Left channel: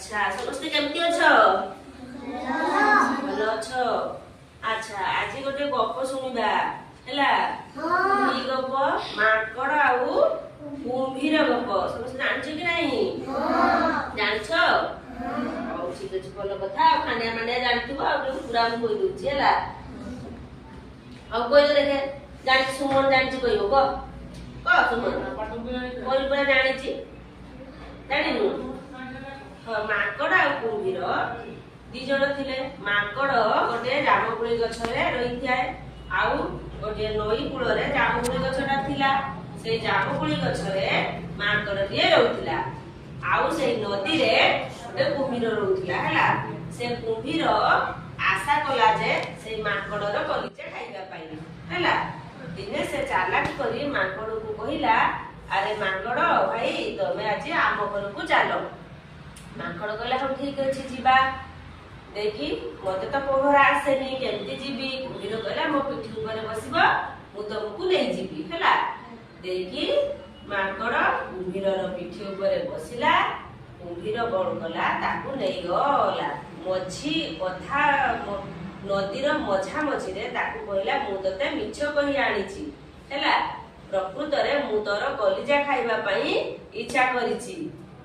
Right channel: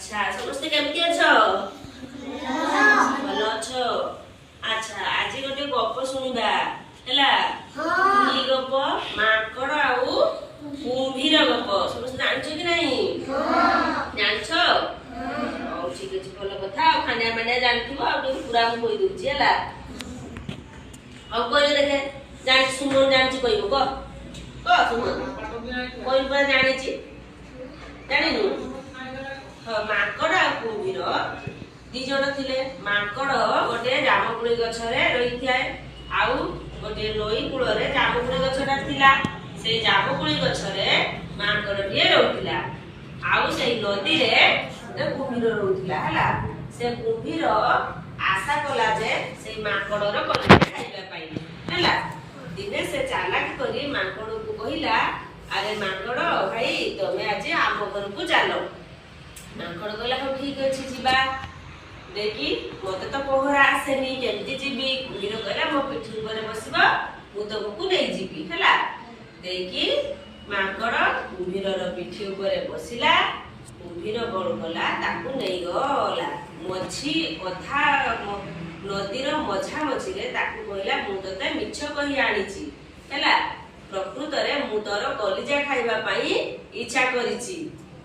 अच्छा समस्ते केमती अछ भल अछ अच्छा आज गोटे गप सुनिबा हैला ई गप माकड़ आउ कुंभीर गप समस्ते जानछ कि नहीं जानछ ठीक अछि भल कथा खानिया माने जानथिबो आ पूरा हम कहि दउछि हैला अब कोइ देखे जान सुमन जानछि कहिबो क सुमन कोइ पूरा जानिछि जानिनु माकड़ आ कुंभीर दी जण थिले माकड़ गोटे जामुकोଳି गछरे रही थाए आउ गोटे नई कूଳରେ जामुकोଳି गछटा थिला से जामुकोଳି गछरे माकड़टिए रहउथिला आउ से नदी रे गोटे कुंभीर रहउथिला हला से कुंभीर आशा कला जे से माकड़र कलिजा खाइबा पाइले हला दिने से चालाक करी माकड़ को कहिला अरे माकड़ भाई तमे आज आम घर को चलो माकड़ कहला हो ठीक अछि जीवा देखी मते तो पहरा आसेनी केमती जीवी कुंभीर कहला मो पिठी ऊपर बसिबा मु तुमको नै जीवी हला देखी माकड़ कुंभीरर पिठी ऊपर बसिला कुंभीर बड़ कला ताकू नै गला मझी कथा नदीर मझा मझीरे ताकू कहला मु तते मिछ कहि आनिची हला प्रकृत रे मु तोर कलिजा खाइबा पई इच्छा करिची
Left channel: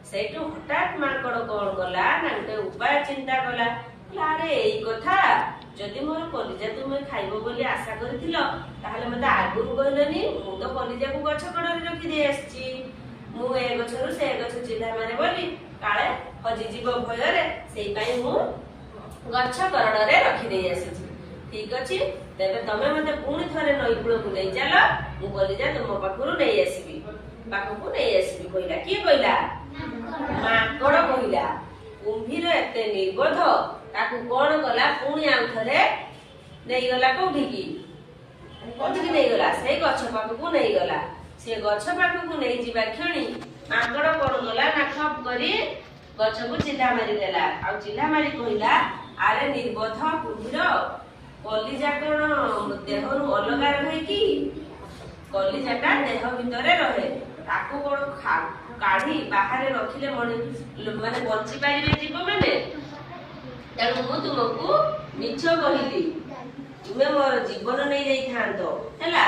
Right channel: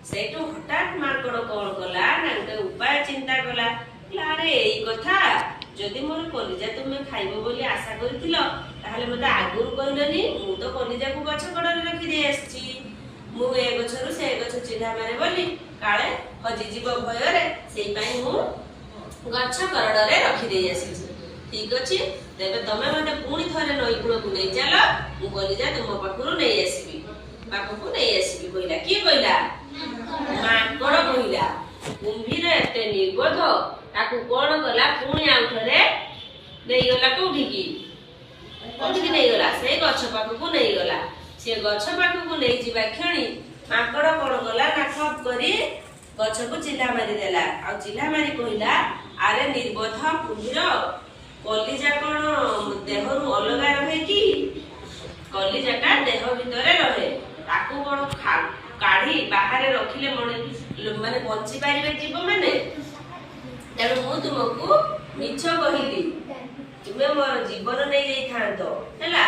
सेटू हठात माकड़ कोन कला ना गोटे उपाय चिंता कला अरे एई कथा जदि मोर कलिजा तुमे खाइबो बोली आशा करिथिलो ताहले मते आगुरु कहलनी मु तो कलिजा को गछ कड़रे रखि दे आछी मु ए गछरु से गछ चिल्ला मारे बोली काळे हजि जीव भय रे सेई पई मु गछ कड़रे रखि दे आछी ठीक अछि तेबे तमे मते पुणी थरे नई कूळ को नै चलो मु कलिजा तुम पाखरु नै आसीबी पाखकु नै आसीबी कहिला की कहिला माकड़ कहिला कुंभीर एते निर्बोध ताकू कोन कला पुणी आउ थरे नै गला कोठी की नै गला से गछ पाखकु नै गला से गछ पाखकु नै जिबा क्षणी माकड़ कोन गला ना खप करी गछ को चिल्ला मारी देला आ चिल्ला मारी कहिला अरे निर्बोध कुंभीर कलिजा कोन देहरु अलगा रहे कि कलिजाटा देह भितरे रहे ताकू कोन काढी बाहर रखिले माने बंची पारिबे जीव माने तेणु मु तुमको मिछ कहिली तुमे मोर जीवन नै जाई थांतो हैला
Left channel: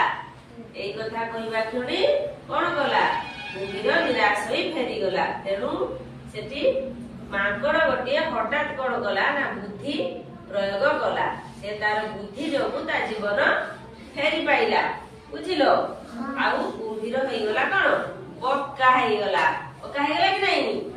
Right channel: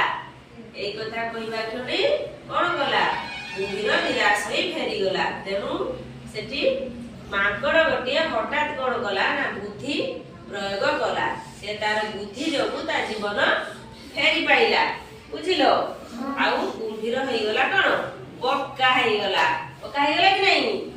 एई कथा कहिबा क्षणी कोन कला कुंभीर निराश होई फेरी गला तेणु सेठी माकड़ गोटे हठात कोन कला ना बुद्धि प्रयोग कला से तार बुद्धि जोगु ता जीवन फेरी पाइला बुझिलो आउ कुंभीर हेई गला कोन पक्का हेई गला कि नहीं